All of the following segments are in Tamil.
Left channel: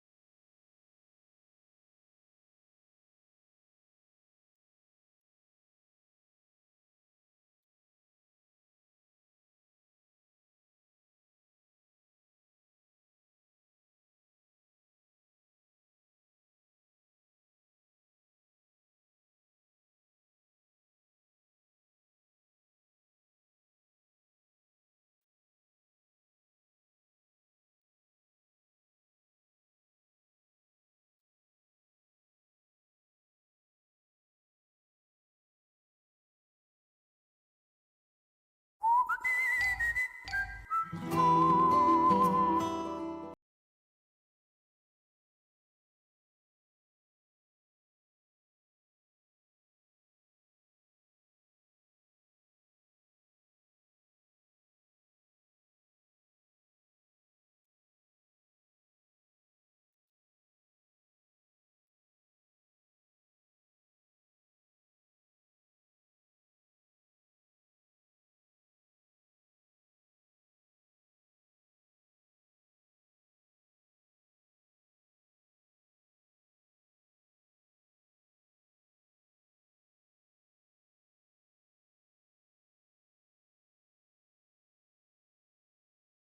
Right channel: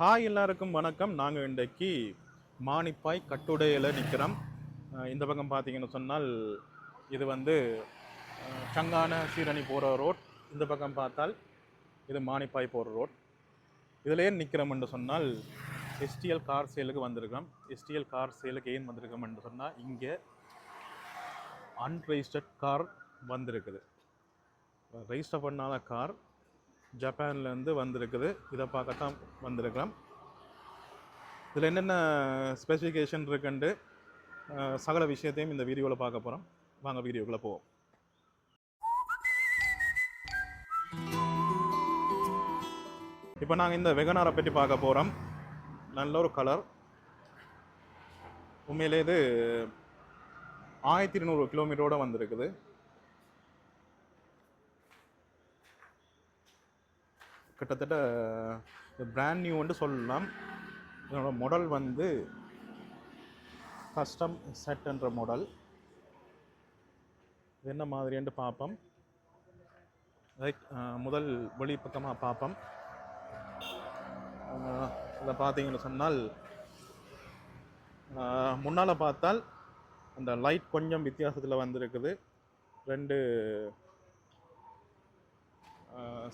ஹாய் எல்லாருக்கும் வணக்கம். நாங்கள் இன்றைக்கு மானிப்பாய் கட்டுடையில் நிற்கிறோம் இந்த பக்கம் பார்த்தீங்கன்னு சொன்னால் இது வந்து சங்கான சீரணி போகிற ரோட். இந்த பக்கம் பார்த்தால் இது மானிப்பாய் போகிற ரோட். இதில் ஏன் நிற்கிறோம் என்று சொன்னால் எஸ்டிஎல் கார் சேலுக்கு வந்திருக்கிறோம். எஸ்டிஎல் கார் சேலுக்கு ஏன் வந்திருக்கோம் என்று சொன்னால் இங்கே அன்ரெஜிஸ்டர்ட் கார் வந்திருக்குது. ரெஜிஸ்டர் பண்ணாத கார் ஜப்பான்லேருந்து வந்திருக்குது. இதை பார்க்கத்தான் வந்திருக்கிறோம். இதில் என்னென்ன ஸ்பெசிஃபிகேஷன் இருக்குன்ட்டு சகல விஷயத்தையும் இந்த வீடியோவில் பார்க்க போகிறோம் வாங்க வீடியோக்குள்ளே போவோம். இப்போ நாங்கள் இந்த வெகனாரை பற்றி பார்க்க போகிறோம் நல்ல ஒரு கலர் உண்மையிலே இது ஆயிரத்தி இருநூறு கிலோமீட்டரோடு வந்திருக்குது. கிட்டத்தட்ட பிராண்ட் நியூன்னு சொல்லலாம். இதனோட மாடல் வந்து கஸ்டம் செட்ன்ற மாடல் என்ன மாதிரின்ட்டு பார்ப்போம். லைக் முதல் வெளி பக்கமாக பார்ப்போம் இதை பார்த்தீங்கன்னு சொன்னால் முன்னால் பார்த்தால் அந்த லைட் கொஞ்சம் வித்தியாசத்தில் வந்திருக்குது. ரெண்டு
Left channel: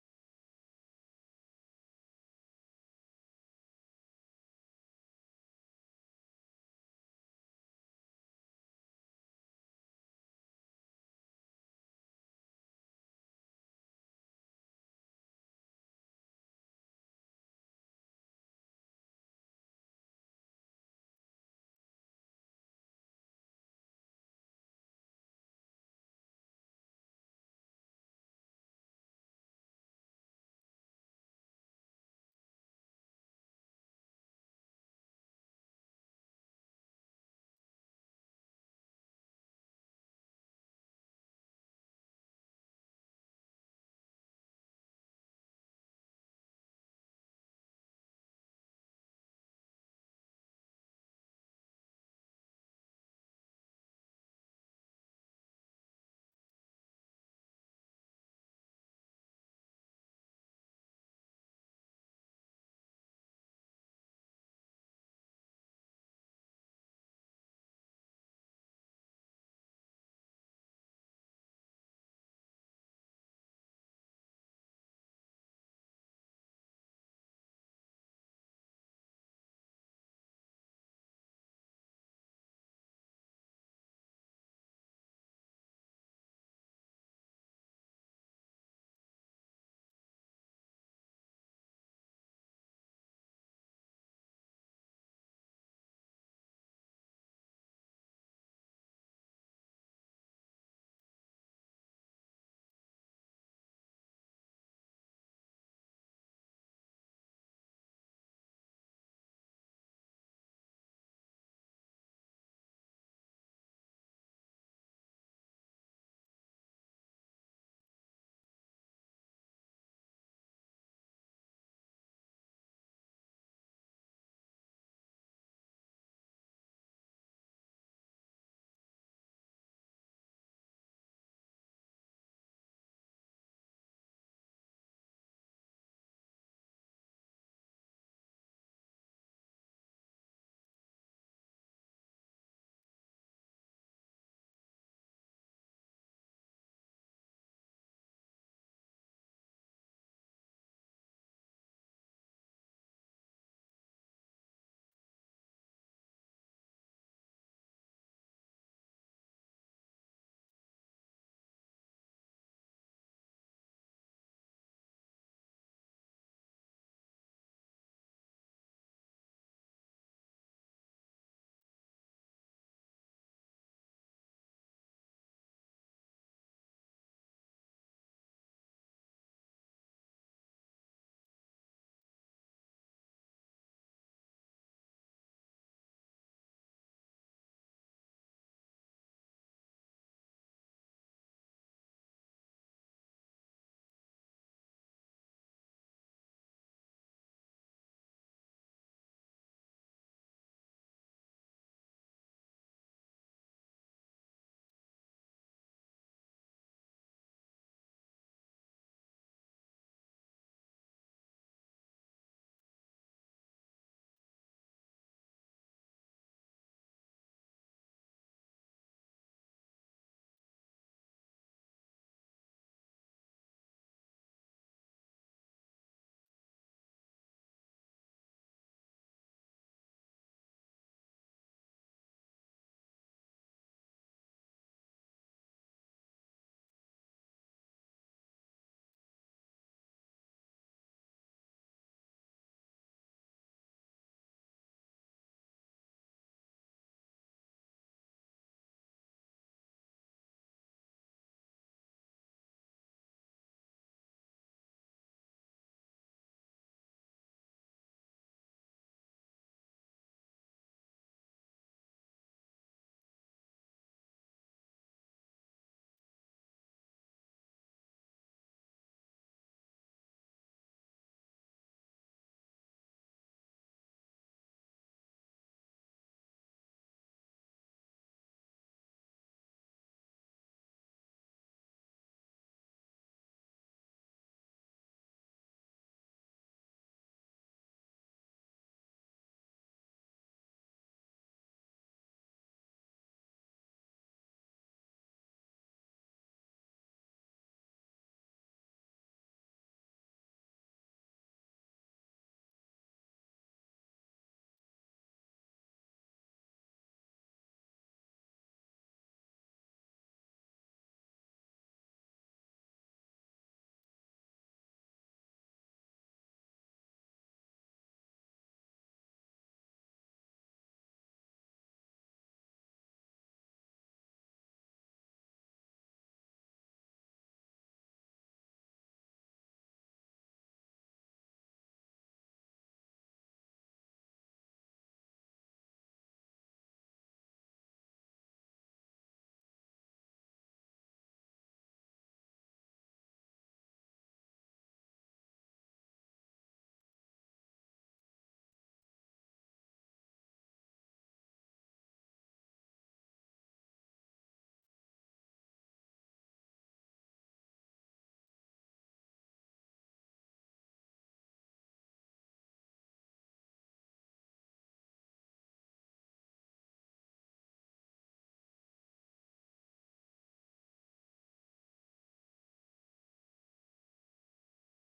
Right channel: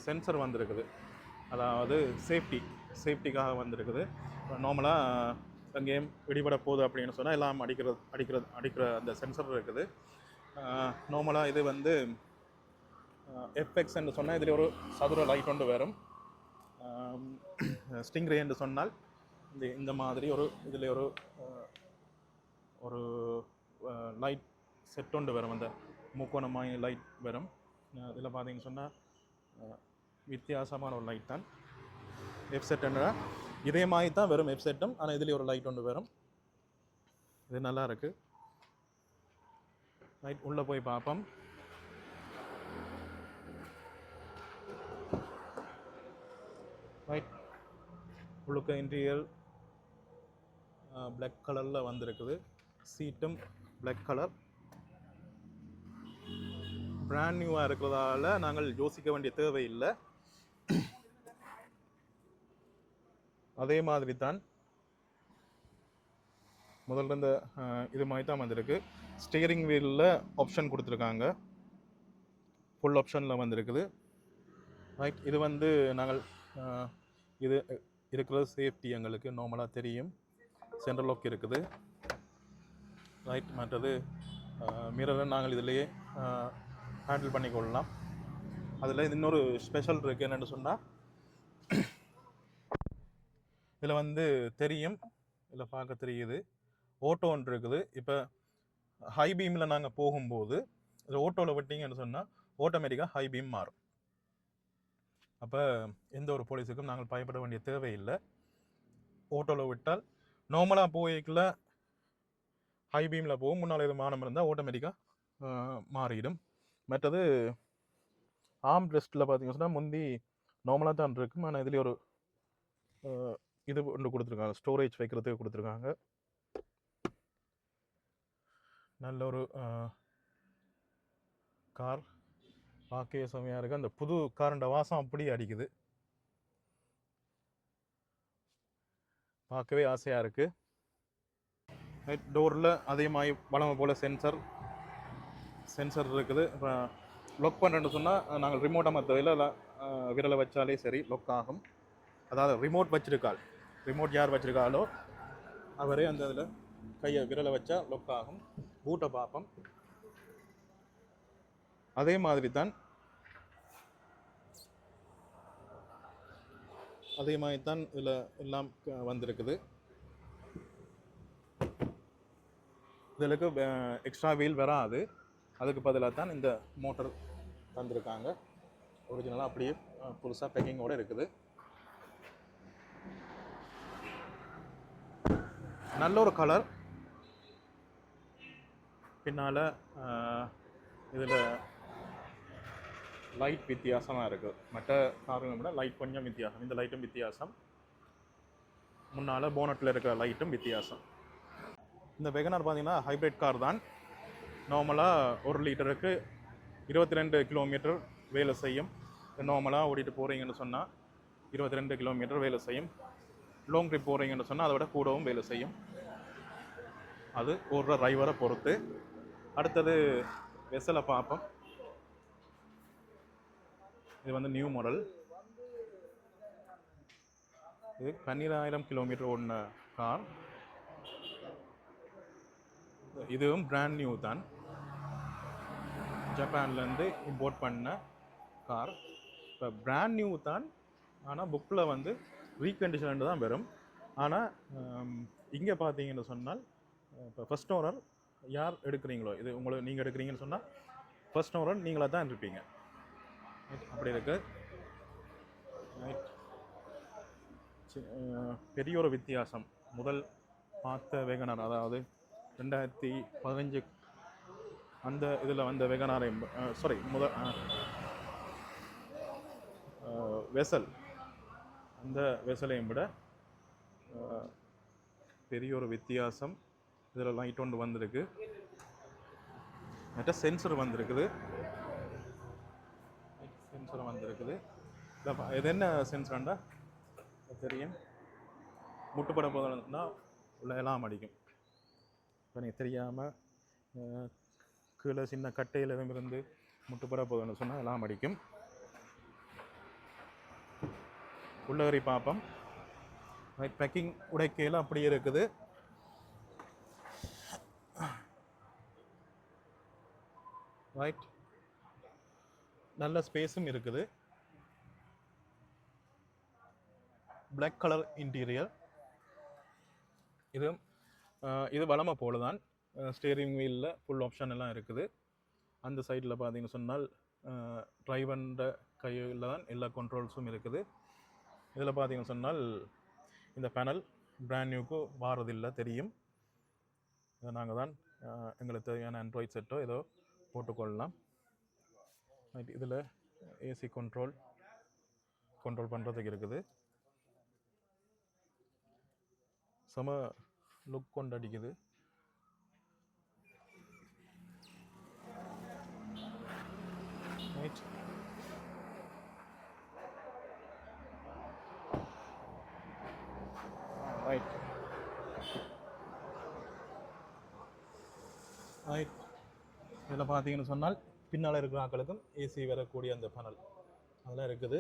சென்சர் வந்திருக்குது. அதாவது சேஃப்டி சேஃப்டிக்காக வந்திருக்குது. நார்மலாக எங்கேயும் வெடிபட போகுது அப்படின்னு சொன்னால் எல்லாம் அடிக்கிறது அடிக்கிறது அடிக்கிற அந்த சென்சர் இருக்குது. நார்மலாக இது வந்து எஃப்எக்ஸ் என்று சொன்னால் இதில் ஒரு சதுர லைட் ஒன்று வரும். ஸ்டிங்ரே என்று சொன்னால் இந்த இந்த மாதிரி ஒரு இதில் ஒரு ஒரு லைட் செட் ஒன்று வரும். அந்த முக்கோணமாய் லைட் வரும். இதில் பார்த்தீங்கன்னு சொன்னால் வித்தியாசமான ஒரு லைட் தான். வெப்செட் என்ன இதே மாதிரி தான் வெறும் எஃப்செட்டும் ஆனால் இதுலேயே ஒரு லைட் ஒன்று வரும் இது நல்லா இருக்கு. லைட் உள்ளே போய் பார்ப்போம். லைட் உள்ளுக்க இன்டீரியர் பிளாக் கலரில் வந்திருக்குது. சீட்டும் பிளாக் கலர் பிராண்ட் நியூவாக இருக்கிறதால நாங்கள் யோசிக்க வேண்டிய தேவையில்லை. அதே மாதிரி தான் முதல்ல இந்த இது மாதிரி தான் வந்திருக்கு. ஸ்டியரிங் வீலில் ஆப்ஷன் கொடுத்துருக்காங்க. ஃபுல் ஆப்ஷனில் வந்திருக்குது. ரைட் இது வந்து நாங்கள் இது இருக்கிறது சேஃப்டி எங்களுக்கு நார்மலாக தெரியும். சென்ட்ரல் லாக் இருக்குது. ரைட் மற்றது மிரரை நாங்கள் இதிலேயே ஹேண்டில் பண்ணிக்கொள்ளலாம். அதில் இன்னொரு ஸ்பெஷல் இருக்குது என்னென்னு சொன்னால் இதில் வந்து தெரியும். இதில் பார்க்க தெரியுது. ஓட்டோ ஒன்று இருக்குது. இப்போ ஹை பீமில் நாங்கள் போகும்போது இதில் ஓட்டோவில் விட்டீங்கன்னு சொன்னால் ஆட்டோமேட்டிக்காக ஹை பீம் மாறும். அப்போ எந்த ஒரு போலீஸுக்கும் நாங்கள் பயப்பட வேண்டிய தேவையில்லை. ஓட்டோவில் விட்டால் நார்மலாக போய்க்குள்ள ஹை பீமில் போகும். முன்னால் எது மானம் இருந்தால் ஆட்டோமேட்டிக்காக மாறிடும். மற்றது ஆம் ரெஸ்ட்டில் பார்த்தீங்கன்னா சொன்னால் முந்தி நார்மலாக தான் இருக்கும். ஆனால் இதுலேயே ஒரு இது ஒன்று கொடுத்துருக்காங்க. ஸ்டோரேஜ் வைக்கிறதுக்கு கொடுத்துருக்காங்க. நல்ல ஒரு கார் பார்க்கவே செமையாக இருக்குது அந்த புது காரண்ட வாசம் அப்படியே அடிக்குது. பார்க்கவே ஆசையாக இருக்குது ரைட் டோரில் அதே மாதிரி வளமை போல் சென்சர் சென்சர் இருக்குது. இப்போ லொக் பண்ணுறேன்னு சொன்னால் நாங்கள் ரிமோட்டாக தேவையில்ல விரலை வச்சாலே சரி லொக் ஆகும். அதாவது ரிமோட் வச்சிருக்காள். ரிமோட் யார் வச்சுருக்காளோ அவரே அந்த இதில் கையை விரலை வச்சா லொக் ஆகும். பூட்டை பார்ப்போம். அதே மாதிரி தான் அதே மாதிரி தான் இதில் எல்லாம் க- வந்திருக்குது இதில் எக்ஸ்ட்ரா வீல் வராது. அதுக்கு பதிலாக தான் இந்த மோட்டர் தந்திருக்காங்க. ஒரிஜினலாக அப்படியே புதுசாக பேக்கிங்கோட இருக்குது. நல்ல ஒரு கலர் பின்னால் இதில் லைட் வித்தியாசமாக இருக்குது மற்ற காருங்களை விட லைட் கொஞ்சம் வித்தியாசம். இந்த லைட்டும் வித்தியாசம். முன்னால் போனட்டில் இருக்கிற லைட்டும் வித்தியாசம். இந்த வெகனார் பார்த்தீங்கன்னா ஹைப்ரிட் கார் தான். நார்மலாக ஒரு லிட்டருக்கு இருபத்தி ரெண்டு கிலோமீட்டர் வேலை செய்யும். நார்மலாக ஓடிட்டு போகிறீங்கன்னு சொன்னால் இருபத்தி ரெண்டு கிலோமீட்டர் வேலை செய்யும். லாங் ட்ரிப் போகிறீங்கன்னு சொன்னால் அதை விட கூடவும் வேலை செய்யும். அது ஒரு டிரைவரை பொறுத்து. அடுத்தது வெசலை பார்ப்போம். இது வந்து நியூ மாடல் இது பன்னிராயிரம் கிலோமீட்டர் ஓடின கார் இதுவும் பிராண்ட் நியூ தான். ஜப்பான்லேருந்து இம்போர்ட் பண்ண கார் இப்போ பிராண்ட் நியூ தான். ஆனால் புக்கில் வந்து ரீகண்டிஷன் தான் வரும். ஆனால் இங்கே பார்த்தீங்கன்னு சொன்னால் இப்போ ஃபர்ஸ்ட் ஓனர் யார் எடுக்கிறீங்களோ இது உங்களை நீங்கள் எடுக்கிறீங்கன்னு சொன்னால் ஃபர்ஸ்ட் ஓனர் நீங்களாக தான் இருப்பீங்க. அப்படி இருக்கு. சி- பெரிய ஒரு வித்தியாசம். முதல் பார்த்த வேகனார் அதாவது ரெண்டாயிரத்தி பதினஞ்சு அந்த இதில் வந்த வெகனாரை சாரி முதல் வெசல். அந்த வெசலையும் விட பெரிய ஒரு வித்தியாசம் இதில் லைட் ஒன்று வந்திருக்கு. மற்ற சென்சர் வந்திருக்குது. சென்சர் வந்திருக்குது. இதோ இது என்ன சென்சர்ண்டா தெரியும். முட்டுப்பட போதுன்னா உள்ள எல்லாம் அடிக்கும். இப்போ நீங்கள் தெரியாமல் கீழே சின்ன கட்டையில் எதுவும் இருந்து முட்டுப்பட போதுன்னு சொன்னால் எல்லாம் அடிக்கும். உள்ளகரி பார்ப்போம் ரைட் பேக்கிங் உடைக்கையில் அப்படியே இருக்குது. ரைட் நல்ல ஸ்பேஸும் இருக்குது. பிளாக் கலர் இன்டீரியர் இது இது வளமை போல தான் ஸ்டேரிங் வீலில் ஃபுல் ஆப்ஷன் எல்லாம் இருக்குது. அந்த சைடில் பார்த்தீங்கன்னு சொன்னால் டிரைவன்ற கையில் தான் எல்லா கண்ட்ரோல்ஸும் இருக்குது. இதில் பார்த்தீங்கன்னு சொன்னால் இந்த பேனல் பிராண்ட் நியூக்கு வாரதில்லை தெரியும். இதை நாங்கள் தான் எங்களுக்கு தேவையான ஆண்ட்ராய்ட் செட்டோ ஏதோ போட்டுக்கொள்ளலாம். இதில் ஏசி கண்ட்ரோல் கண்ட்ரோல் பண்ணுறதுக்கு இருக்குது. செம லுக் கொண்டு அடிக்குது ரைட் ரைட் ரைட் இதில் பார்த்தீங்கன்னு சொன்னால் பின்னால் இருக்கிற ஆக்களுக்கும் ஏசி வரக்கூடிய அந்த பனல் அதெல்லாம் இருக்குது.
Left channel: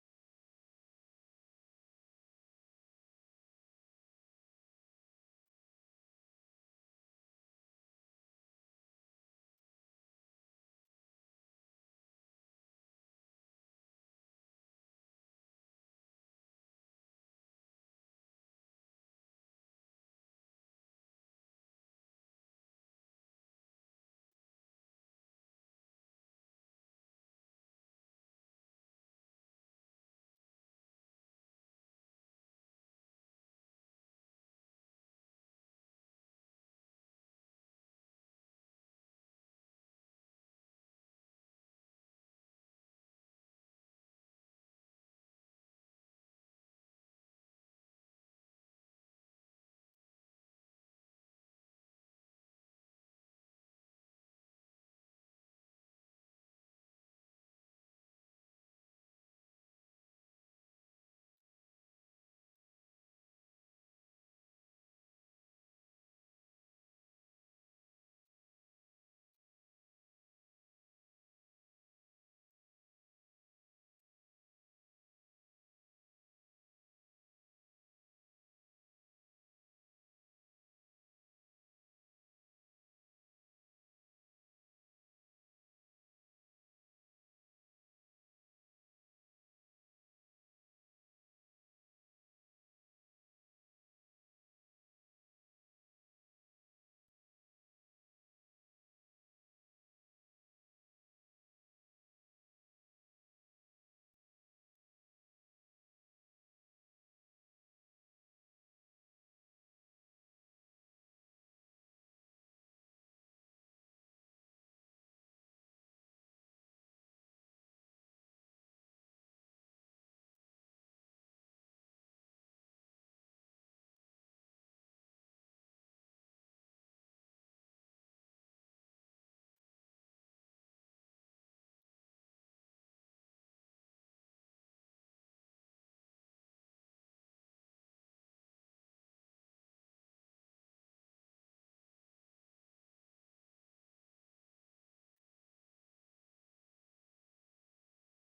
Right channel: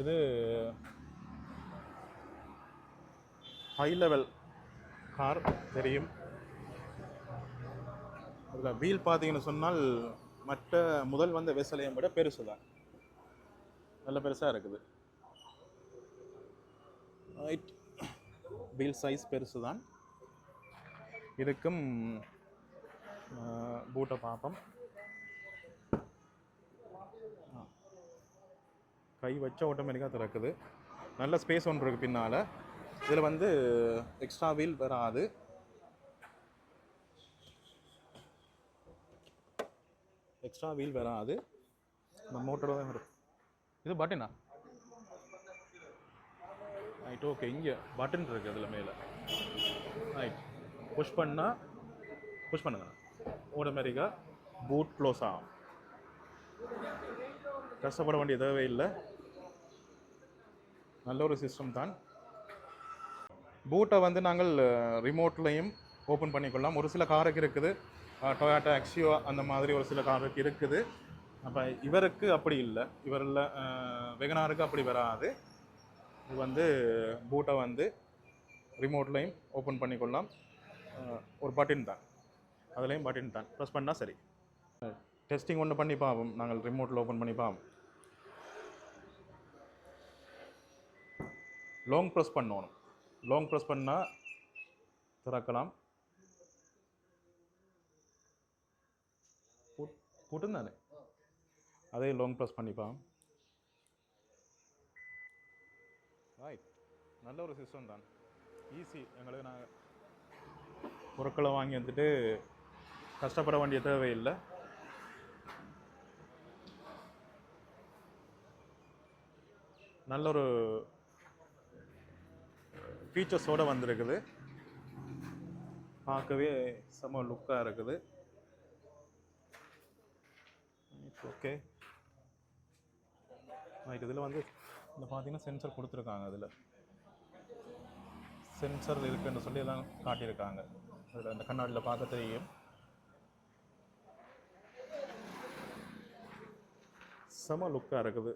இது ஹை லெவல் கார் தெரியும். அதில் வீல் பார்த்தீங்கன்னு சொன்னால் மற்ற முதல் வந்த வெசலையும் விட பெருசு தான். நல்ல பெருசாக இருக்குது. வீல் சைஸ் பெருசு தான் இதுக்கும் பூட்டை பார்ப்போம் கை வச்ச ஆட்டோமேட்டிக்காக திறக்குது நல்ல ஸ்பேஸ் ஒன்று இருக்குது பின்னால் இதில் வந்து எக்ஸ்ட்ரா வீல் வராது எக்ஸ்ட்ரா வீல் வராது இந்த மோட்டரோட தான் வரும் இது பட்டனா ரைட் ஓகே இங்கே பட்டன் இருக்குது அதில் மேலே ரைட் புஷ் பண்ணால் புஷ் பண்ணுங்க ஆட்டோமேட்டிக்காக பூட் க்ளோஸ் ஆகும். கஷ்டப்பட வேண்டிய இல்லை. நல்ல ஒரு சிஸ்டம் தான். பூட்டை வந்து நாங்கள் ரிமோட்லையும் ஓப்பன் பண்ணிக்கொள்ளலாம். ஒரு சில காருக்கு இருக்குது. டொயாட்டோ ஆக்சியோ அந்த மாதிரி ஒரு சில காருக்கு இருக்குது. அப்போ இவருக்கு அப்படி இல்லை. இவரில் வெகனாருக்கு அப்படி வராது. இது வந்து பூட்டை வந்து ரிமோட்லையும் ஓப்பன் பண்ணிக்கொள்ளலாம். ஒரு பட்டின் தான். அதுலேயும் பட்டன் தான். ப்ரெஸ் பண்ணால் சரி. டெஸ்டிங் ஒன்று பண்ணி பார்ப்போம் நாங்கள் ரிமோட்டில் ஓப்பன் பண்ணி பார்ப்போம் லாங் ப்ரெஸ் பண்ணணும். லாங் ப்ரெஸ் பண்ணால் திறக்கலாம். பூட்டும் அதே லாங் ப்ரெஸ் பண்ணிப்பான் ரைட் நல்ல ஒரு சிஸ்டம் தான். ஈஸி எங்களுக்கு நாங்கள் பொருட்களை வாங்கி வந்துட்டு கஷ்டப்பட வேண்டிய தேவையில்லை. நல்ல ஒரு ஃபீச்சர்ஸோடு வந்திருக்குது. பார்க்கவே செம லுக்காக இருக்குது. ஓகே ரைட் இதில் வந்து இந்த பார்த்தீங்கன்னா சென்சர் கொடுத்துருக்காங்க அதில். சென்சர் இருக்குன்னு சொல்லி எல்லாம் காட்டியிருக்காங்க. அதில் அந்த கண்ணாடியில் பார்க்க தெரியும். செம லுக்காக இருக்குது.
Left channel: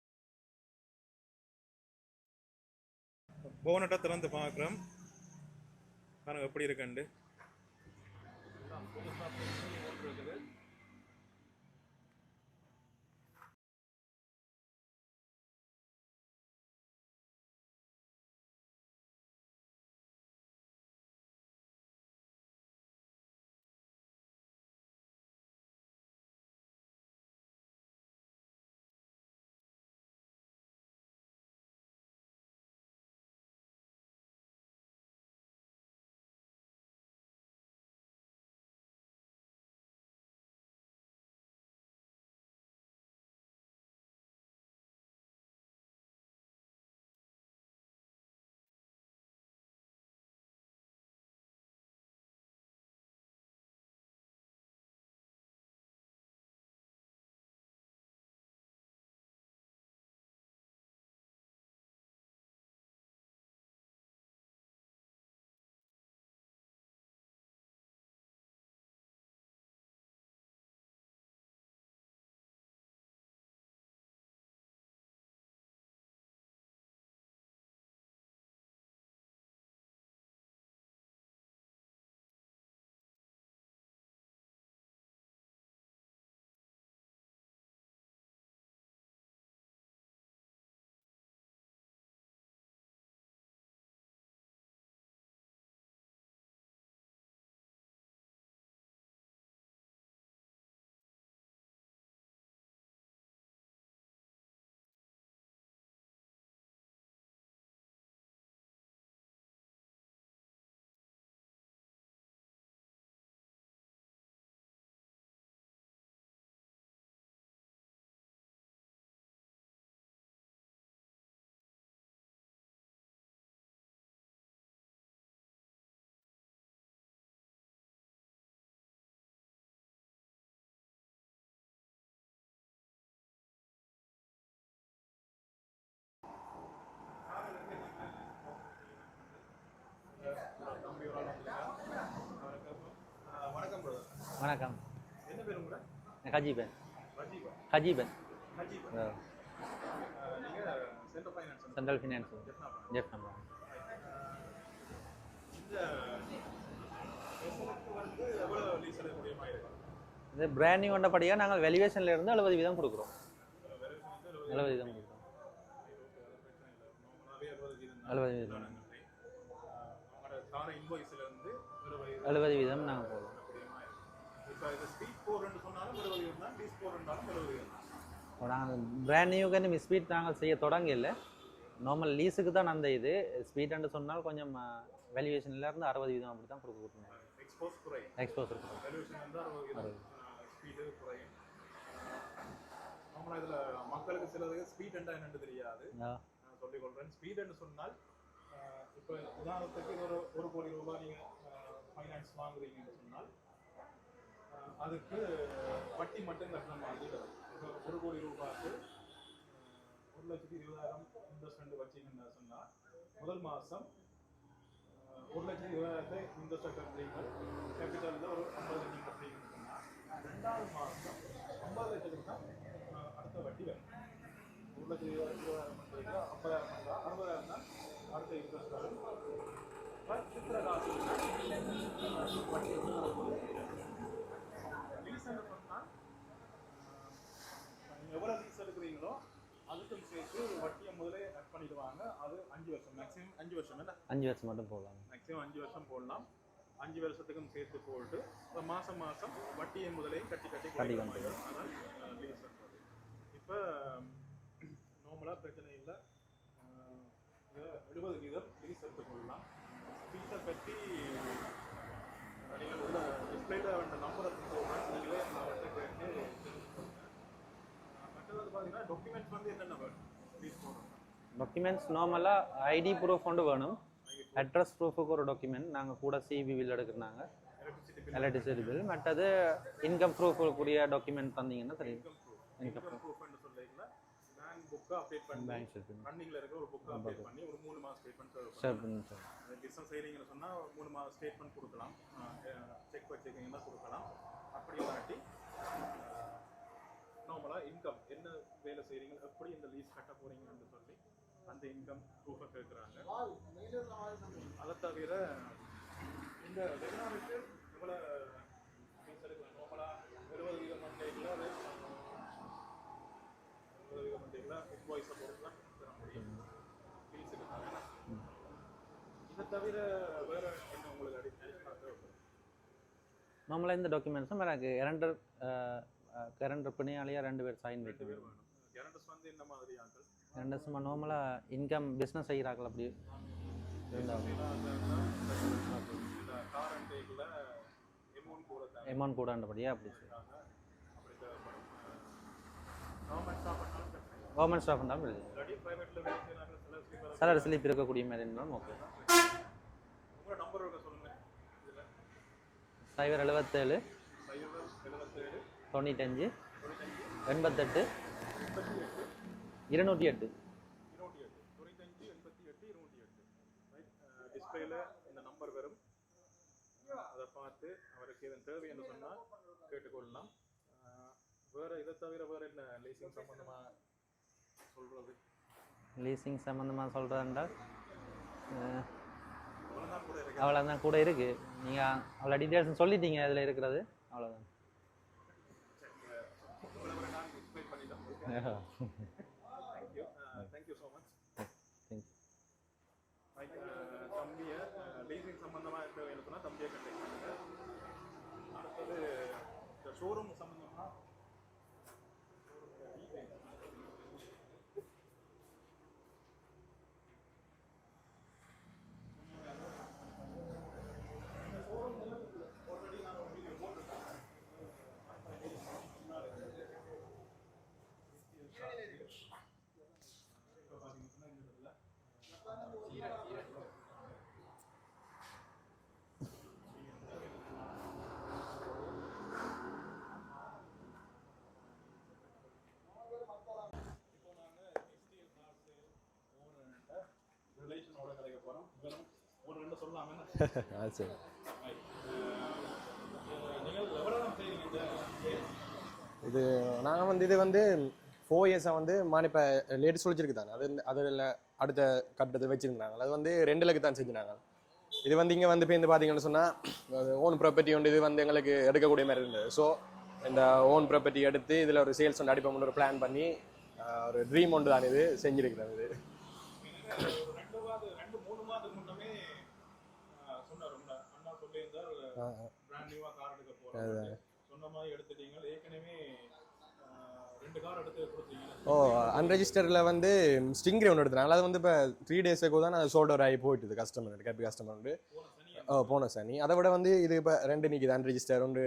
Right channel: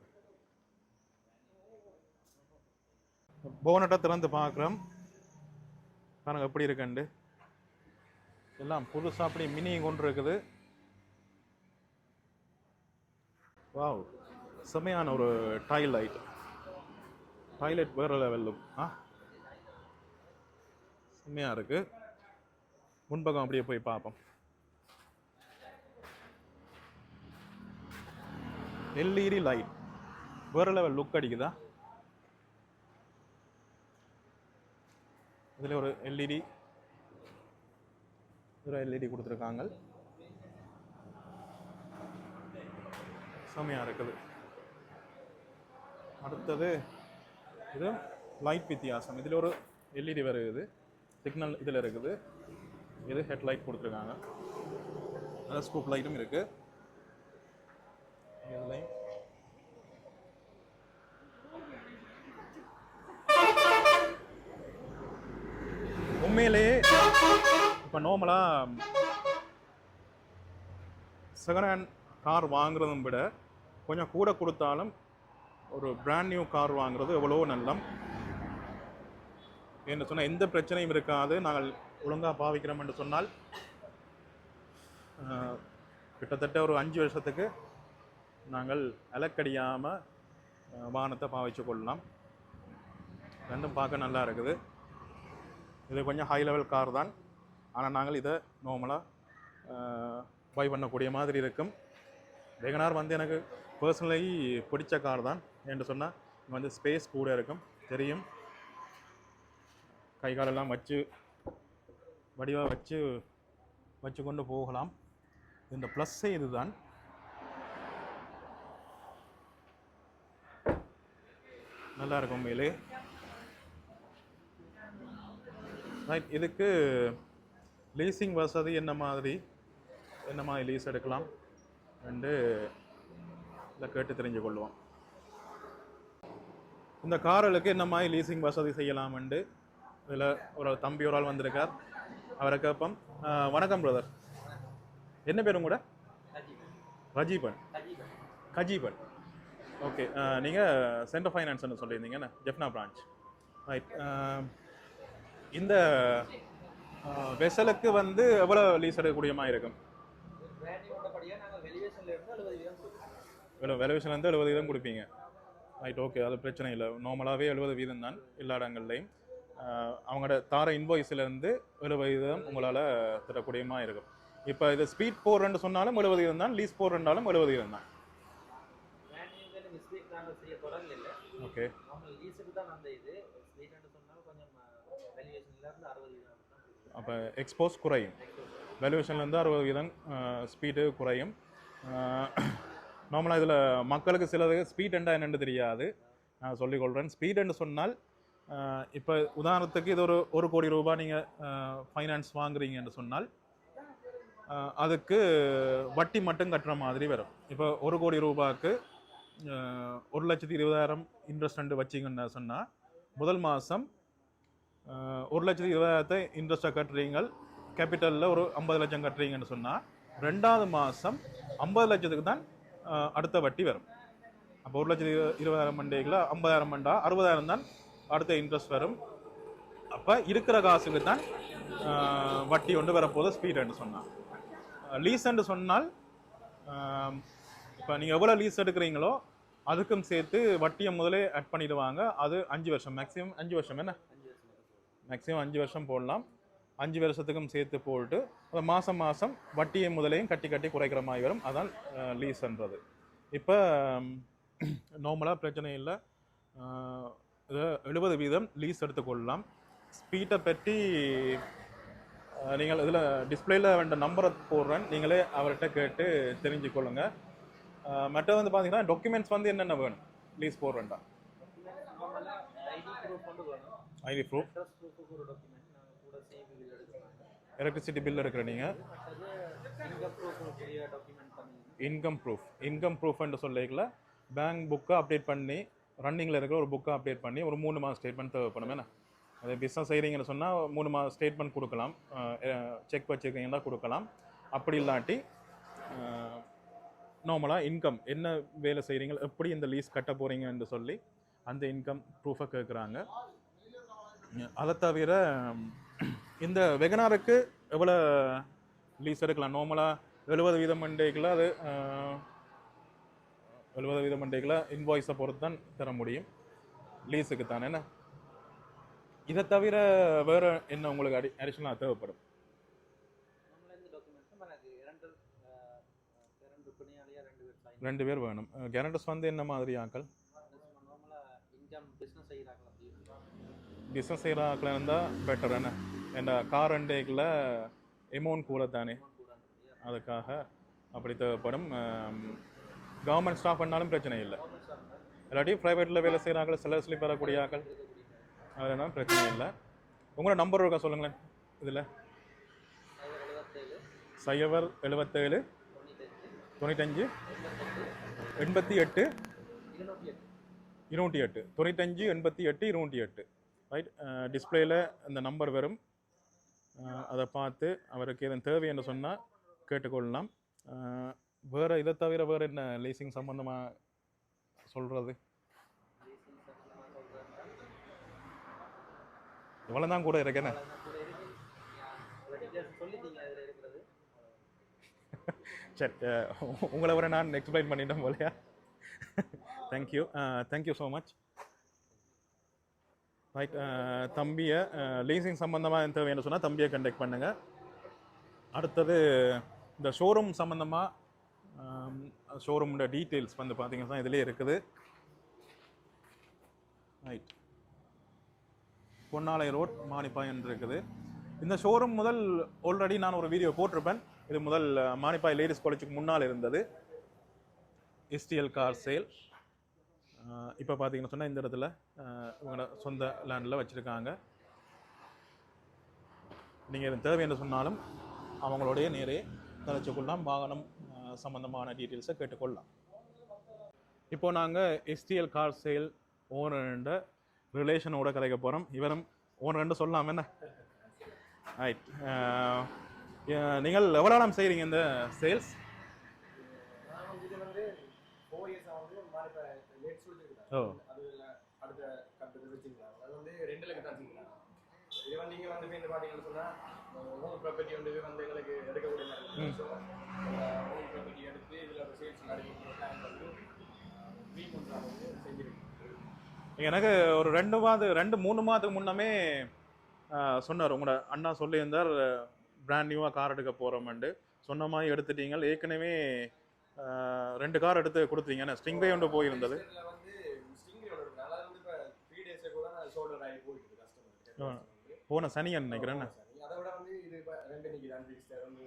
போனட்டை திறந்து பார்க்குறோம். பாருங்க எப்படி இருக்குண்டு எல்லாம் புதுசாக அப்படி மினி கொண்டு இருக்குது. வாவ் செமையான ஒரு டாய்லைட் டாய்லெட் வேறு லெவலும் ஆ? செம்மையாக இருக்கு. முன்பக்கம் அப்படியே போய் பார்ப்போம். LED light. வேறு லெவல் லுக் அடிக்குதா? இதில் ஒரு எல்இடி. ஒரு எல்இடி கொடுத்துருக்காங்க. செமையாக இருக்குது. அடுத்தது இது லைட் வித்தியாசம். இதில் ஒரு எல்இடி வருது சிக்னல் இதில் இருக்குது. இது ஹெட்லைட் கொடுத்துருக்காங்க. அதில் ஸ்கூப் லைட்டும் இருக்குது இதுலையும் உண்மையிலேயே இப்போ நார்மலாக செகண்ட் ஹேண்ட் கார் வாங்குறதும் விட கொஞ்சம் கூட கொடுத்தாலும் ஒரு பிராண்ட் நியூ கார் வாங்குறது எவ்வளோ நல்லம். என்று சொன்னால் எந்த பிரச்சனையும் இருக்காது. நாங்கள் ஒழுங்காக பாவிக்கிறோம் என்று சொன்னால் கிட்டத்தட்ட ஒரு அஞ்சு வருஷத்துக்கு நாங்கள் அலக்கடியாமல் வாகனத்தை பாவிச்சு கொள்ளலாம். ரெண்டும் பார்க்க நல்லா இருக்குது. இது கொஞ்சம் ஹை லெவல் கார் தான். ஆனால் நாங்கள் இதை நார்மலாக பை பண்ணக்கூடிய மாதிரி இருக்கும். வேகனார் வந்து எனக்கு பர்சனலி பிடிச்ச கார் தான் என்று சொன்னால் இங்கே வந்து ஸ்பேஸ் கூட இருக்கும். தெரியும். கை காலெல்லாம் வச்சு வடிவாக வச்சு வச்சு கொண்டு போகலாம். இந்த ப்ளஸ்ஸே இதுதான். நல்லா மேலே உண்மையிலே ரைட் இதுக்கு லீசிங் வசதி என்ன மாதிரி? என்ன மாதிரி லீஸ் எடுக்கலாம்? என்று இதை கேட்டு தெரிஞ்சு கொள்வோம். இந்த கார்களுக்கு என்ன மாதிரி லீசிங் வசதி செய்யலாம்ண்டு இதில் ஒரு தம்பி ஒரு ஆள் வந்திருக்கார். அவரை கேட்போம். வணக்கம் பிரதர் வணக்கம். என்ன பேர் உங்களோட? நான் கஜீபன். ரஜீபன் கஜீபன். கஜீபன் ஓகே நீங்கள் சென்டர் ஃபைனான்ஸ் சொல்லியிருந்தீங்க ஜெஃப்னா பிரான்ச் ரைட் இந்த வெசலுக்கு வந்து எவ்வளோ லீஸ் எடுக்கக்கூடிய மாதிரி இருக்கும்? இது பிராண்ட் நியூ வந்தபடியாக நாங்கள் வேல்யூவேஷன்ல இருந்து எழுபது வீதம் கொடுக்குறோம். எவ்வளோ வெலவேஷன்லேருந்து எழுபது வீதம் கொடுப்பீங்க. ரைட் ஓகே அது பிரச்சனை இல்லை. நார்மலாகவே எழுபது வீதம் தான் 70 வீதம். எல்லா இடங்கள்லையும் அவங்களோட தார இன்வாய்ஸ்லேருந்து எழுபது வீதம் 70 உங்களால் தரக்கூடியமா இருக்கும். இப்போ இது ஸ்பீட் போடுறேன்னு சொன்னாலும் எழுபது வீதம் தான் லீஸ் போடுறேன்னாலும் எழுபது வீதம் தான். நாங்கள் பிராண்ட் நியூக்கு ஸ்பீட் நாங்கள் செய்ய தொடங்கல. ஓகே நார்மல் லீஸுக்கு தான் அந்த இது ஸ்பீட் சொன்னால் கொஞ்சம் வேல்யூவேஷன்ல இருந்து அறுபது வீதம் அப்படி தான் கொடுக்குறோம் அப்போ எக்ஸ்போஸ் குறையும். எக்ஸ்போஸ் வேல்யூவேஷன்லேருந்து அறுபது வீதம் ஸ்பீடு குறையும். நார்மலாக இதில் மக்களுக்கு சிலது ஸ்பீட் என்றா என்னன்னு தெரியாது. நான் சொல்லிக்கொள்கிறேன் ஸ்பீட் என்று சொன்னால் இப்போ உதாரணத்துக்கு இது ஒரு ஒரு கோடி ரூபாய் நீங்கள் ஃபைனான்ஸ் வாங்குறீங்கன்னு சொன்னால் அதுக்கு வட்டி மட்டும் கட்டுற மாதிரி வரும். இப்போ ஒரு கோடி ரூபாய்க்கு ஒரு லட்சத்தி இருபதாயிரம் இன்ட்ரெஸ்ட் வச்சிங்கன்னு சொன்னால் முதல் மாதம் ஒரு லட்சத்தி இருபதாயிரத்தை இன்ட்ரெஸ்ட்டாக கட்டுறீங்க கேபிட்டலில் ஒரு ஐம்பது லட்சம் கட்டுறீங்கன்னு சொன்னால் ரெண்டாவது மாதம் ஐம்பது லட்சத்துக்கு தான் அடுத்த வட்டி வரும். அப்போ ஒரு லட்சத்தி இருபதாயிரம் மண்டேக்கில் ஐம்பதாயிரம் மண்டா அறுபதாயிரம் தான் அடுத்த இன்ட்ரெஸ்ட் வரும். அப்போ இருக்கிற காசுக்கு தான் வட்டி ஒன்று வரப்போகுது ஸ்பீடுன்னு சொன்னான் லீஸ்ன்னு சொன்னால் இப்போ நீங்கள் எவ்வளோ லீஸ் எடுக்கிறீங்களோ அதுக்கும் சேர்த்து வட்டியை முதலே ஆட் பண்ணிடுவாங்க. அது அஞ்சு வருஷம். மேக்ஸிமம் அஞ்சு வருஷம் என்ன? அஞ்சு வருஷம் மட்டும் போகலாம் மேக்ஸிமம் அஞ்சு வருஷம் போடலாம். அஞ்சு வருஷத்துக்கும் சேர்த்து போட்டு அது மாதம் மாதம் வட்டியை முதலையும் கட்டி கட்டி குறைக்கிற மாதிரி வரும். அதான் லீஸ்ன்றது இப்போ நார்மலாக பிரச்சனை இல்லை. எழுபது வீதம் லீஸ் எடுத்துக்கொள்ளலாம் ஸ்பீட்டை பற்றி நீங்கள் இதில் டிஸ்பிளேல வேண்ட நம்பரை போடுறேன். நீங்களே அவர்கிட்ட கேட்டு தெரிஞ்சுக்கொள்ளுங்க. அஹ், மற்றது வந்து பார்த்தீங்கன்னா டாக்குமெண்ட்ஸ் வந்து என்னென்ன வேணும்? லீஸ் போடுறேன்டா டாக்குமெண்ட்ஸ் நார்மலாக ஐடி ப்ரூஃப் கொண்டு வேணும். ஐடி ப்ரூஃப் அட்ரஸ் ப்ரூஃபுக்கு ஒரு டாக்குமெண்ட் நாங்கள் கூட சிவி பில் எடுக்கிறாங்க. எலக்ட்ரிசிட்டி பில் எடுக்கிறீங்க. மற்றது இன்கம் ப்ரூஃப் கூடிய டாக்குமெண்ட் தந்தீங்கன்னா இன்கம் ப்ரூஃப் இன்கம் ப்ரூஃப்னு சொல்லிக்கல. பேங்க் புக்கை அப்டேட் பண்ணி ரன்னிங்கில் இருக்கிற ஒரு புக்கை அப்டேட் பண்ணி ஒரு மூணு மாதம் ஸ்டேட்மெண்ட் தேவைப்படும். என்ன? அது பிஸ்னஸ் செய்கிறீங்கன்னு சொன்னால் மூணு மாதம் ஸ்டேட்மெண்ட் கொடுக்கலாம். செக் வச்சுருக்கீங்கன்னா கொடுக்கலாம். அப்படி இல்லாட்டி நார்மலாக இன்கம் என்ன வேலை செய்கிறீங்க எப்படி இந்த லீஸ் கட்ட போகிறீங்கன்னு சொல்லி அந்த இன்கம் ப்ரூஃபை கேட்குறாங்க அதை தவிர இந்த வெகனாருக்கு எவ்வளோ லீஸ் எடுக்கலாம்? நார்மலாக எழுபது வீதம் மண்டேக்கில் அது எழுபது வீதம் மண்டேக்கில் இன்வாய்ஸை பொறுத்து தான் தர முடியும். லீஸுக்கு தான் என்ன? இதை தவிர வேறு என்ன உங்களுக்கு அடி அடிஷனலாக தேவைப்படும்? நம்மள இந்த டாக்குமெண்ட்ஸும் எனக்கு இரண்டு கரண்ட் பிணையாளியாக ரெண்டு பேர் சைன் ரெண்டு பேர் வேணும். கேரண்டர்ஸ் வந்து என்ன மாதிரி ஆக்கள்? ரெண்டு சும்மா நார்மலாக இன்கம் பிஸ்னஸ் செய்கிறார்கள் அப்படி. பிஸ்னஸ் செய்கிற ஆக்கள் இருந்தால் பெட்டர் என்ன ஏன்னா கார் ரெண்டேக்கில் எமௌண்ட் கூட தானே? அமௌண்ட் கூடன்றபடியா அதுக்காக அப்படி தேவைப்படும். கவர்மெண்ட் ஸ்டாஃப் பண்ணாலும் பிரச்சனை இல்லை. கவர்மெண்ட் ஸ்டாஃப் இல்லை. இல்லாட்டி ப்ரைவேட்டில் வேலை செய்கிறாங்க சிலர் ஸ்லிப் வரக்கூடிய ஸ்லிப் இருக்கக்கூடிய மாதிரி அதெல்லாம் பிரச்சனை இல்லை. உங்களோட நம்பர் இருக்கா சொல்லுங்களேன் இதில். சைபர் எழுபத்தேழு சைவர் எழுபத்தேழு தொண்ணூத்தஞ்சு தொண்ணூத்தஞ்சு எண்பத்தெட்டு எண்பத்தி எட்டு இருநூற்றி எட்டு. இருநூற்றி எட்டு. தொண்ணூத்தஞ்சு எண்பத்தி எட்டு இருநூற்றி எட்டு. ரைட் டிஸ்பிளேயில் இந்த நம்பர் வரும். அதை பார்த்து அவருக்கு எதுவும் தேவை என்று சொன்னால் கேட்டுக்கொள்ளலாம். வேற இதை தவிர வேற என்ன லீசிங் சம்பந்தமாக சொல்கிறது லீசிங் சம்மந்தமாக சொல்கிறேன்டா இவ்வளோ தான் கூட இருக்கிறேன் அவ்வளோதான் கூட இருக்குது நீங்கள் அவ்வளோ டீட்டெயில்ஸ் சொல்லிட்டீங்க அதில் இருக்கிறது. அவ்வளோதான் சரி உங்களை வர நான் எக்ஸ்பிளைன் பண்ணிட்டேன் போலையா? Thank you thank you so much right தம்பியை லீசிங் சம்மந்தமாக தேவைன்னு சொன்னால் தம்பியை கண்டெக்ட் பண்ணுங்கள் அடுத்தது இந்த ஷோரூம் சம்மந்தமாக ஷோரூமோட டீட்டெயில்ஸ் வந்து பார்த்தீங்கன்னா இதிலே இருக்குது. ரைட் பொன்னாலை ரோட் மானிப்பாயன் இருக்குது. இந்த ஷோரூம் முதல் ஆல்ரெடி நான் ஒரு வீடியோ போட்டிருப்பேன். இது முதல் மானிப்பாய் லேடிஸ் காலேஜுக்கு முன்னால் இருந்தது. STL car sale. இப்போ பார்த்தீங்கன்னு சொன்னால் இந்த இடத்துல இவங்களோட சொந்த லேண்டில் வச்சுருக்காங்க. நீங்கள் இது தேவை என்று சொன்னாலும் அவங்களுடைய நேரே கலைச்சுக்கொள்ளலாம் வாகனம் அஹ், சம்பந்தமான டீட்டெயில்ஸை கேட்டுக்கொள்ளலாம். இப்போ நாங்கள் எஸ்டிஎல் கார் சேல் ஓனர்ன்ற ரிலேஷனோட கதைக்க போகிறோம் இவரும் ஓனர்ன்னு சொல்லலாம் என்ன? சரி. ரைட் நீங்கள் எவ்வளோ நாள் செய்கிறீங்க இந்த சேல்ஸ் இது நான் வந்து இது வந்து ஃபோர் இயர்ஸாக வந்து மான் இப்போ லேடிஸ் சொல்லிச்சிருக்குதாங்க அது வந்து- அதில் அடுத்த கட்டத்தை வச்சிருந்தாங்க. அது வந்து ரெண்டு லக்கு தான் செஞ்சுனாங்க இது வந்து இங்கே வந்து இப்போ இந்த பார்த்தீங்கன்னு சொன்னால் ஓன் ப்ராப்பர்ட்டி ஒன்று இது வந்து எங்களுக்கு எடுக்கக்கூடிய மாதிரி இருந்தது. ஸோ இந்த ஓன் ப்ராப்பர்ட்டி எடுத்து இதில் ஒரு சேல்ஸ் ஒன்று அடிப்போம்னு ஒரு பிளான் பண்ணி ஒரு ட்ரீம் ஒன்று தான் இது செஞ்சிருக்கிறேன் இது எனக்கு ஒரு ரெண்டு மாதம் ரெண்டு மூணு மாதத்துக்கு முன்னமே சொன்னார். உங்களோட அண்ணா சொல்லியிருந்தார். பிராண்ட் நியூவாக கார் எடுக்க போகிறோம்ட்டு சொன்ன மாதிரி எடுத்துட்டீங்க. ஏற்கனவே ரெண்டு கார் எடுத்து கொடுத்தீங்க ஸ்டிங் ஒன்று போயிருந்தது. ரெஜிஸ்டரில் வந்து ஸ்டிங்ரே ஒன்று எடுத்தாங்க அது வந்து இப்போ த்ரீ டேஸுக்கு தான் அது சோல்ட் அவுட் ஆகி போயிட்டுது கஸ்டமர் கட் கஸ்டமர் போன சனி போன சனி. அதை விட வந்து இது இப்போ ரெண்டு நிக்குது அன்ரிஜிஸ்டர் ஒன்று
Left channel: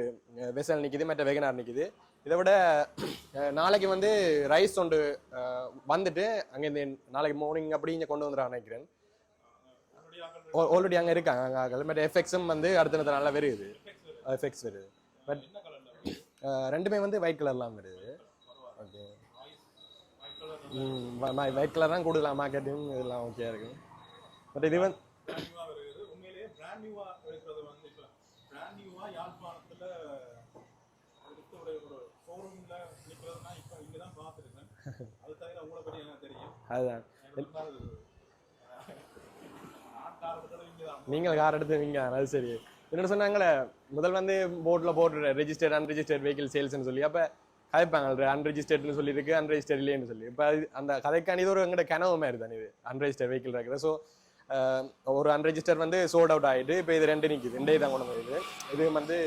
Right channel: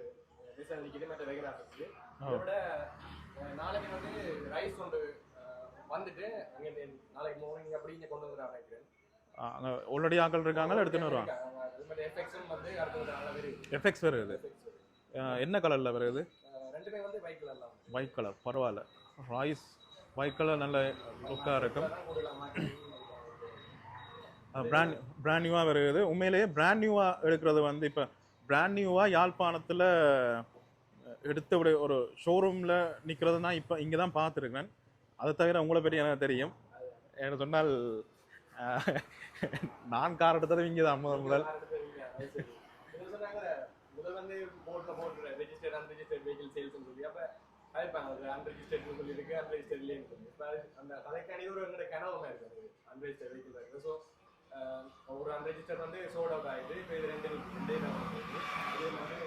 வெசல் நிக்குது மற்ற வெகனார் நிக்குது. இதை விட நாளைக்கு வந்து ரைஸ் ஒன்று வந்துட்டு அங்கே இந்த நாளைக்கு மார்னிங் அப்படி இங்கே கொண்டு வந்துடுறாங்க நினைக்கிறேன். ஆல்ரெடி ஆக்கள் ஆல்ரெடி அங்கே இருக்காங்க இருக்காங்க அங்கே மற்ற எஃபெக்ட்ஸும் வந்து அடுத்த நேரத்தில் நல்லா வருது எஃபெக்ட்ஸ் வருது. எஃபெக்ட்ஸ் வருது. என்ன கலர்ல வருது? ரெண்டுமே வந்து ஒயிட் கலர்லாம் வருது. ஒயிட் கலர் பரவாயில்ல. ராய்ஸ் ஒயிட் கலர் நல்ல ஒயிட் கலர் தான் கூடுதலாம் மார்க்கெட்டிங் இதெல்லாம் ஓகே இருக்கு பிராண்ட் நியூவாக வருது. உண்மையிலேயே பிராண்ட் நியூவாக எடுக்கிறது வந்து இப்போ பிராண்ட் நியூவாக யாழ்ப்பாணத்தில் எடுத்த ஒரு ஒரு ஷோரூமில் நிற்கிறதுனா இப்போ இங்கே தான் பார்த்துருக்கேன் அதை தவிர உங்களை பற்றி எனக்கு தெரியும். அதுதான் எனக்கு சொன்னால் நான் கார் எடுத்தது இங்கே தான் நீங்க கார் எடுத்துவீங்க அது சரி. என்ன சொன்னாங்களே முதல் வந்து போர்டில் போட்டு ரெஜிஸ்டர்ட் அன்ரெஜிஸ்டர்ட் வெஹிக்கிள் சேல்ஸ்னு சொல்லி அப்போ கதைப்பாங்க அன்ரெஜிஸ்டர்ட்னு சொல்லியிருக்கு அன்ரெஜிஸ்டர்ட் இல்லைன்னு சொல்லி. இப்போ அது அந்த கதைக்கான இது ஒரு எங்கள்கிட்ட கனவு மாதிரி தான் இது அன்ரெஜிஸ்டர் வெஹிக்கிள் இருக்குது? ஸோ ஒரு அன்ரெஜிஸ்டர் வந்து சோல்ட் அவுட் ஆகிட்டு இப்போ இது ரெண்டு நிற்குது ரெண்டே தான் கொண்டு வருது இது வந்து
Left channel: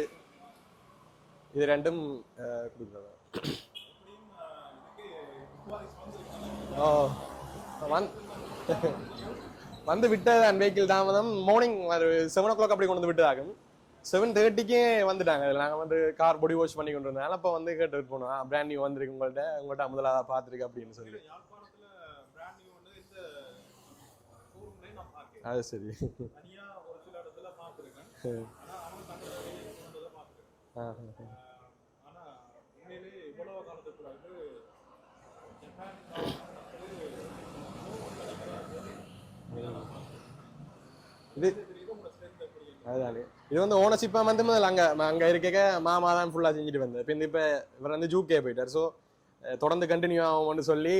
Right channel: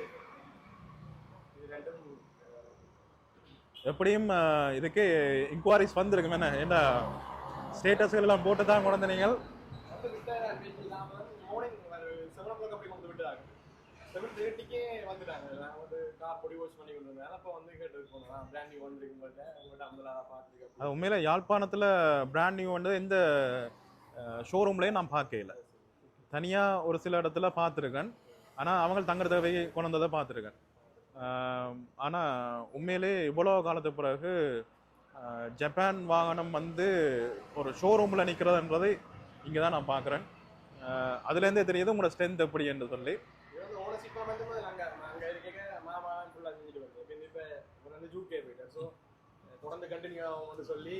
இது ரெண்டும் எப்படியும் இதுக்கு இன்கொயரிஸ் வந்திருக்கும் என்ன? ஸ்டேட்டஸ்கள் எல்லாம் போட்டு தான் கொண்டு வந்தீங்க வந்து விட்ட அந்த வெஹிக்கிள் தாமதம். மார்னிங் ஒரு செவன் ஓ கிளாக் அப்படி கொண்டு வந்து விட்டதாகும் செவன் தேர்ட்டிக்கே வந்துட்டாங்க. அதில் நாங்கள் வந்து கார் பொடி வாஷ் பண்ணி கொண்டு வந்தோம் அப்போ வந்து கேட்டு போனோம். பிராண்ட் நியூ வந்திருக்கு உங்கள்கிட்ட உங்கள்கிட்ட முதலாக பார்த்துருக்கு அப்படி உண்மையில யாழ்ப்பாணத்தில் பிராண்ட் நியூ வந்து எந்த ஷோரூம்லேயும் நான் பார்க்கல. அது சரி. தனியா ஒரு சில இடத்துல பார்த்துருக்கேன். ஆனா அவங்க தங்குற தேவை கொண்டு வந்ததை பார்த்துருக்கேன். ஆனா உண்மையிலே இவ்வளோ காலத்துக்கு பிறகு ஜப்பான் வாகனம் வந்து ஒரு ஷோரூமில் நிற்கிறதுன்றது இங்கே தான் நான் பார்க்குறேன் அதுலேருந்தே தெரியுது உங்களோட ஸ்ட்ரென்த் எப்படி என்று இது வந்து ஓனர்ஷிப்பாக வந்து முதல்ல அங்கே அங்கே இருக்க மாமா தான் ஃபுல்லாக செஞ்சுட்டு வந்தேன் இப்போ இந்த இப்போ இவர் வந்து ஜூகே போயிட்டார். ஸோ தொடர்ந்து கண்டினியூ ஆகும்னு சொல்லி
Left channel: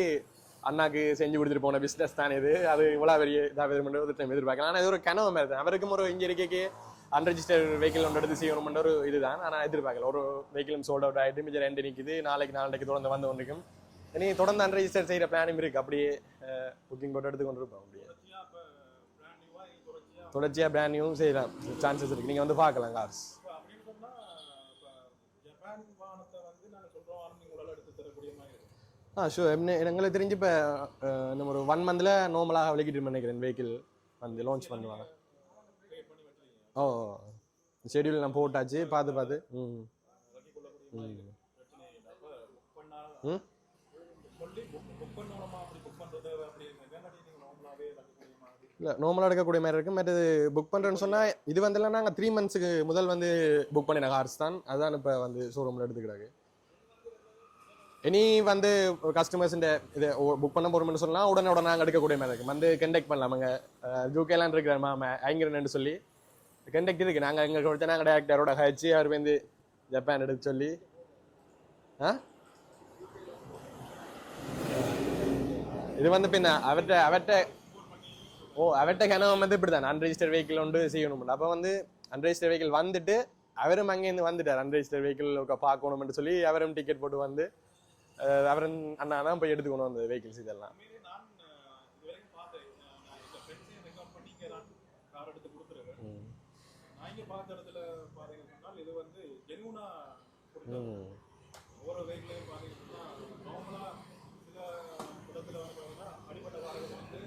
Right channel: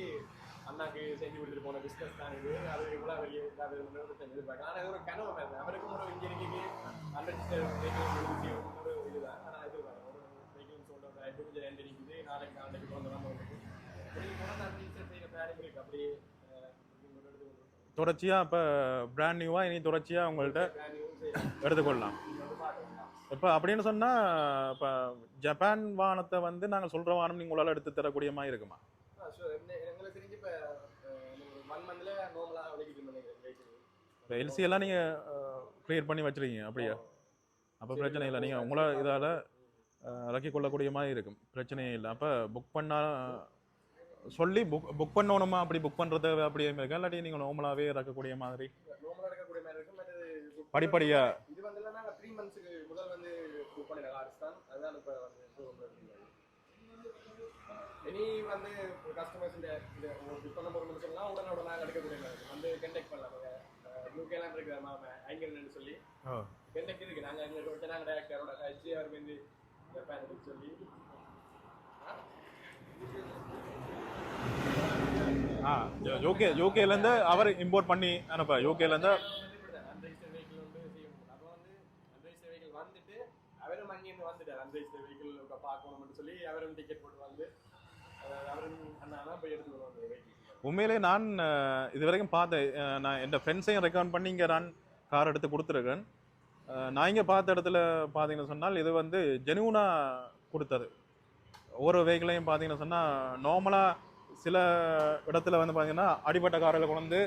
அண்ணாக்கு செஞ்சு கொடுத்துட்டு போன பிஸ்னஸ் தான் இது. அது இவ்வளோ பெரிய இதாக ஒரு டைம் எதிர்பார்க்கலாம் ஆனால் இது ஒரு கனவு மாதிரி தான். அவருக்கும் ஒரு இங்கே இருக்கே அன்ரெஜிஸ்டர் வெஹிக்கிள் ஒன்று எடுத்து செய்யணும்ன்ற ஒரு இதுதான். ஆனால் எதிர்பார்க்கல. ஒரு வெஹிக்கிளும் சோல்ட் அவுட் ஆகிட்டு மிச்சம் ரெண்டு நிற்கிது நாளைக்கு நாளைக்கு தொடர்ந்து வந்து ஒன்றுக்கும் இனி தொடர்ந்து அன்ரெஜிஸ்டர் செய்யற பிளானும் இருக்கு. அப்படியே புக்கிங் போட்டு எடுத்து கொண்டு இருப்போம் தொடர்ச்சியாக இப்போ பிராண்ட் நியூவாக இனி தொடர்ச்சியாக உங்களுக்கு தொடர்ச்சியா பிராண்ட் நியூவும் செய்யலாம். எடுத்து சான்சஸ் இருக்கு. நீங்க வந்து பார்க்கலாம் கார்ஸ் இப்போ அப்படின்னு சொன்னா இப்போ ஜப்பான் வாகனத்தை வந்து நாங்கள் சொல்ற வாகனம் நீங்க உங்களால எடுத்து தரக்கூடிய மாதிரி இருக்குமா? ஆ ஷூர் என்ன எங்களுக்கு தெரிஞ்சு இப்போ நம்ம ஒரு ஒன் மந்த்ல நார்மலாக விளக்கிட்டு நினைக்கிறேன் வெஹிக்கிள் எல்சி எல்லாம் நீங்க கிளியர் பண்ணி வச்சிருக்கீங்க அப்படியே. நீங்க போட்டாச்சு பார்த்து கொள்ளக்கூடிய மாதிரி இருக்கும். பிரச்சனையே இல்லை. அப்ப புக் பண்ணா ம். சொல்லி புக் புக் பண்ணணுமா? அப்படி புக் பண்றது அப்படியே இருக்கா இல்லாட்டி நீங்க நார்மலாவே இறக்கக்கூடிய மாதிரி. இல்ல நார்மலாக எடுக்கக்கூடிய மாதிரி இருக்கு மற்றது புக் பண்ணுறோம்னு படிப்படியா. சொன்னா இது வந்து நாங்க த்ரீ மந்த்ஸுக்கு முதல் வந்து புக் பண்ணின கார்ஸ் தான். அதான் இப்போ வந்து ஷோரூமில் எடுத்துக்கிறாங்க. இனி வந்து கஸ்டமர்ஸ் இதை புக் பண்ண போறோம்னு சொன்னா உடனே உடனே நாங்கள் எடுக்கக்கூடிய மாதிரி இருக்கும். வந்து கண்டெக்ட் பண்ணலாம் அங்கே ஜூகேலாம் இருக்கிற மாமா ஐங்கிறன்னு சொல்லி. கண்டெக்ட் இருக்கு. நாங்க எங்க கொடுத்த நாங்கள் டேரக்டரோட ஹச்சு அவர் வந்து ஜப்பான் எடுக்க சொல்லி. ஆ? இது வந்து பின்ன அவர்ட்ட- அவர்ட்ட- அவர் இம்போர்ட் பண்ணி அனுப்ப ஓ, UK ல அவர்ட்ட இருந்து கனவு வந்து இப்படிதான் அன்ரெஜிஸ்டர் வெஹிக்கிள் ஒன்று செய்யணும் அப்ப வந்து அன்ரெஜிஸ்டர் வெஹிக்கிள் வந்துட்டு அவரும் அங்கேருந்து வந்துட்டார். அன்ரெஜிஸ்டர் வெஹிக்கிள் பார்க்கணும்னு சொல்லி அவரும் டிக்கெட் போட்டு வந்து அவரும் அண்ணா தான் போய் எடுத்துக்கணும் அந்த வெஹிக்கிள்ஸ் இதெல்லாம். உண்மையிலே நான் இது வரைக்கும் பார்த்தேன் நான் என் ஃப்ரெண்ட்ஸையும் ரெக்கமெண்ட் பண்ணி இங்கே நான் கார் எடுத்து கொடுத்துருக்கேன். நான் இங்கே பார்த்த இடத்துல பார்த்தீங்கன்னு சொன்னால் இது வந்து ஜெனுவனா கொடுத்தது. ஒவ்வொரு வெஹிக்கிளையும் பார்த்தீங்கன்னு சொன்னால் நார்மலாக சில இடத்துல வந்து பார்த்தீங்கன்னா அடிப்பட்ட காரில் கொண்டு வந்து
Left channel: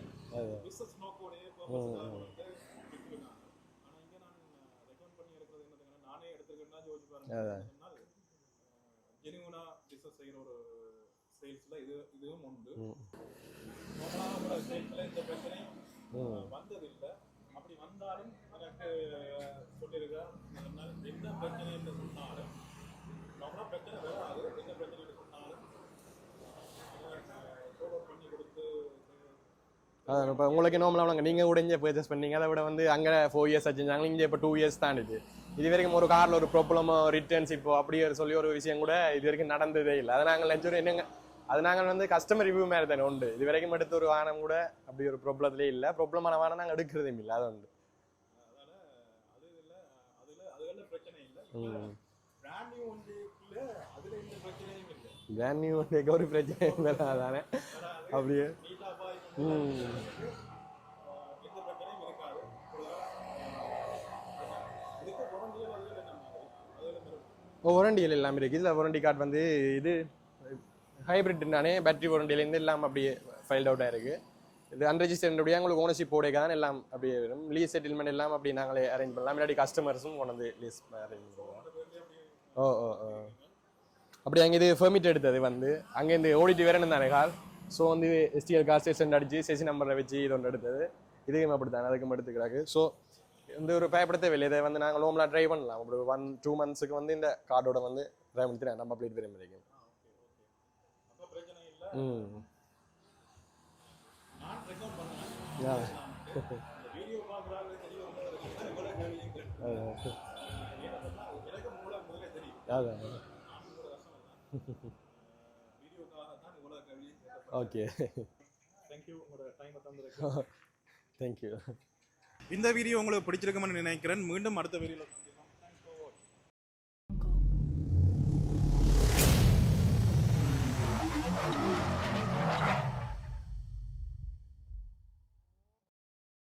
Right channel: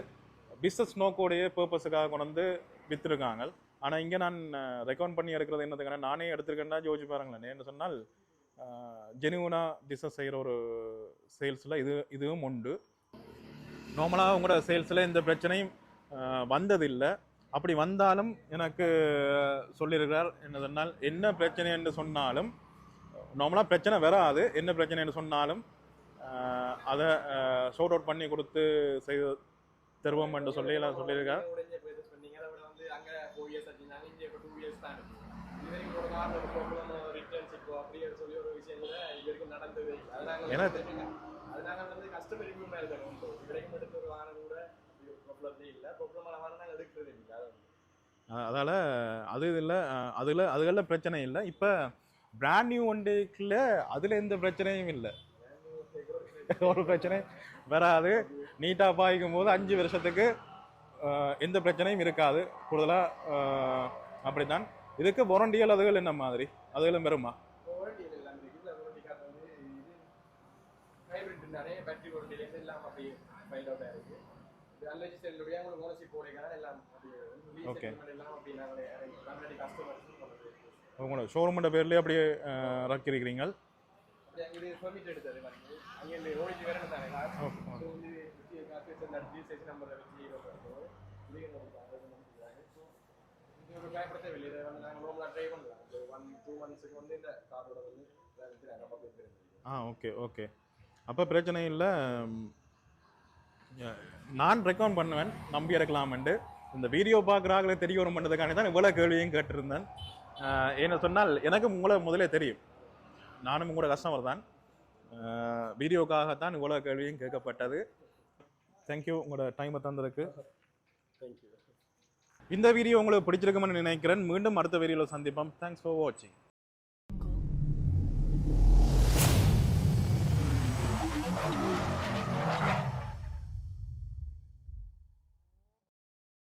பிஸ்னஸ் நோக்கோடைய பர்பஸுக்காக கொண்டு வந்து விற்றுருக்காங்க ஆனால் இங்கே நான் ரெக்கமெண்ட் பண்ணி எடுக்கிறது என்னதுக்கான நானே எடுத்திருக்கேன்னா யோசிச்சு பாருங்க. என்ன சொன்னால் ஜெனுவனா பிஸ்னஸ் செய்கிற ஒரு சேல்ஸில் இது இதுவும் உண்டு. நார்மலாக உங்களோட சேல்ஸில் எந்த பிரச்சனையும் வந்ததில்லை. அப்படி வந்தாலும் எனக்கு சொல்லியிருக்கிறார் என்ன சொன்னால் என்ன பிரச்சனை என்று சொன்னாலும் நார்மலாக பிரச்சனை வராது. என்ன பிரச்சனைன்னு சொன்னாலும் அஹ், அதை ஷோட் அவுட் பண்ணி கொடுத்து செய்து உங்களுக்கு நார்மலாக. நீங்க உடஞ்ச பர்ச்சேஸ் பண்ணீங்க. அதை விட வந்து அங்க ஃபோர் இயர்ஸ் வச்சிருந்தாங்க. இங்க இப்போ டூ இயர்ஸ் தான் இருக்கு. இது வரைக்கும் ஒரு கார்ல ஒரு ப்ராப்ளமோ ரிட்டர்ன்ஸ் இப்போ அப்படி ஒரு சொல்லி ஒரு விஷயம் கூட இது வரைக்கும் நடந்ததே இல்லை. அதை நாங்கள் என்னங்க? அது நாங்கள் வந்து கஸ்டமர் ரிவ்யூ மாதிரி தானே உண்டு. இது வரைக்கும் எடுத்த ஒரு வாகனம் கூட அப்படி ஒரு ப்ராப்ளத்திலே இல்லை. ப்ராப்ளமான வாகனம் நாங்கள் எடுக்கிறதே இல்லை. அது உண்டு. அஹ், அதால அது இல்லை அதுல அதுகளில் பிரச்சனை இல்லை. இப்போ பிராண்ட் நியூ வண்டிக்குள்ள அதுல எந்த பிரச்சனையும் இல்லை. பிராண்ட் நியூ ஒரு பிரச்சனை ஒரு பிரச்சனை. வராது. நீட்டா பாய்க்கும் போது அஞ்சு வருஷத்துக்கு எந்த பிரச்சனையும் இருக்காது. கூடுதலா அப்படித்தான். இதுக்கு வாரண்டியல் அதுகள் என்ன மாதிரி? அதுகளும் வருமா? வாரண்டிகள் எல்லாமே இருக்கு. இதுல வாரண்டி கார்டு வந்து இது ஹைபிரிட் தானே பேட்டரி வாரண்டியிலேருந்து எல்லாம் அப்படியே ஃபைல்ட் அவுட் ஆயிருக்கு இது அன்ரெஜிஸ்டர்ட் அப்படியே உங்களுக்கு ஓனர்ஷிப் போடைக்க தான் எல்லாம் அப்படியே வரும். லீஸ் செட்டில்மெண்ட் எல்லாம் அப்படி நாங்களே அரேஞ்ச் பண்ணலாம். இல்லாட்டி கஸ்டமர்ஸும் கொண்டு வந்து லீஸ் ஷோரூமோட பேர்லயே அப்படியே அஹ், ரக்கிருக்கிறீங்க அப்படி அங்கே இது பெர்மிட் எடுத்தது வந்து. அங்கே இந்த ஓடிட்டு வரணும் தானே கார் ஸோ வந்து எஸ்டிஎல் கார் ஸ்டேஷன் அடிச்சு செசி நம்பரை வச்சு இது ஒன்று எடுத்தது. இதுவும் அப்படி தானே அதுக்கும் எடுத்துக்கிறாங்க ஸோ இந்த ஒரு பயப்பட தேவையில்லை. இதை வந்து நாங்கள் லோம்லாம் ட்ரைவ் பண்ணலாம். ஒரு ஒன் டூ மந்த்ஸுக்கு வந்து இந்த கார்டோட வந்து ட்ரைவ் பண்ணி நம்ம அப்ளேட் முடியும் ஆ ஓகே ஓகே அப்ப பிரச்சனை இல்ல. நான் ரெக்கமெண்ட் பண்ணுவேன். நம்பி இருக்கலாம்ண்டு இந்த வீடியோ பார்க்குறாங்களே தெரிய வரும் பண்ணுறதுக்காண்டி தான் இவ்வளோ கேள்வியும் கேட்டிருந்தேன். என்ன சொன்னால் எனக்கும் உங்களை முதலே தெரியும். நானும் உங்களோட கஸ்டமர் தான். வீடியோக்காகத்தான் இவ்வளோ கேள்வியும் கேட்கப்பட்டது. தேங்க்யூ உங்களோட டைமை தந்ததுக்கு. தேங்க்யூ இந்த வீடியோ உங்களுக்கு பிடிச்சிருக்கும்னு நினைக்கிறேன். மீண்டும் அடுத்த வீடியோவில் சந்திப்போம். தேங்க்ஸ் ஃபார் வாட்சிங்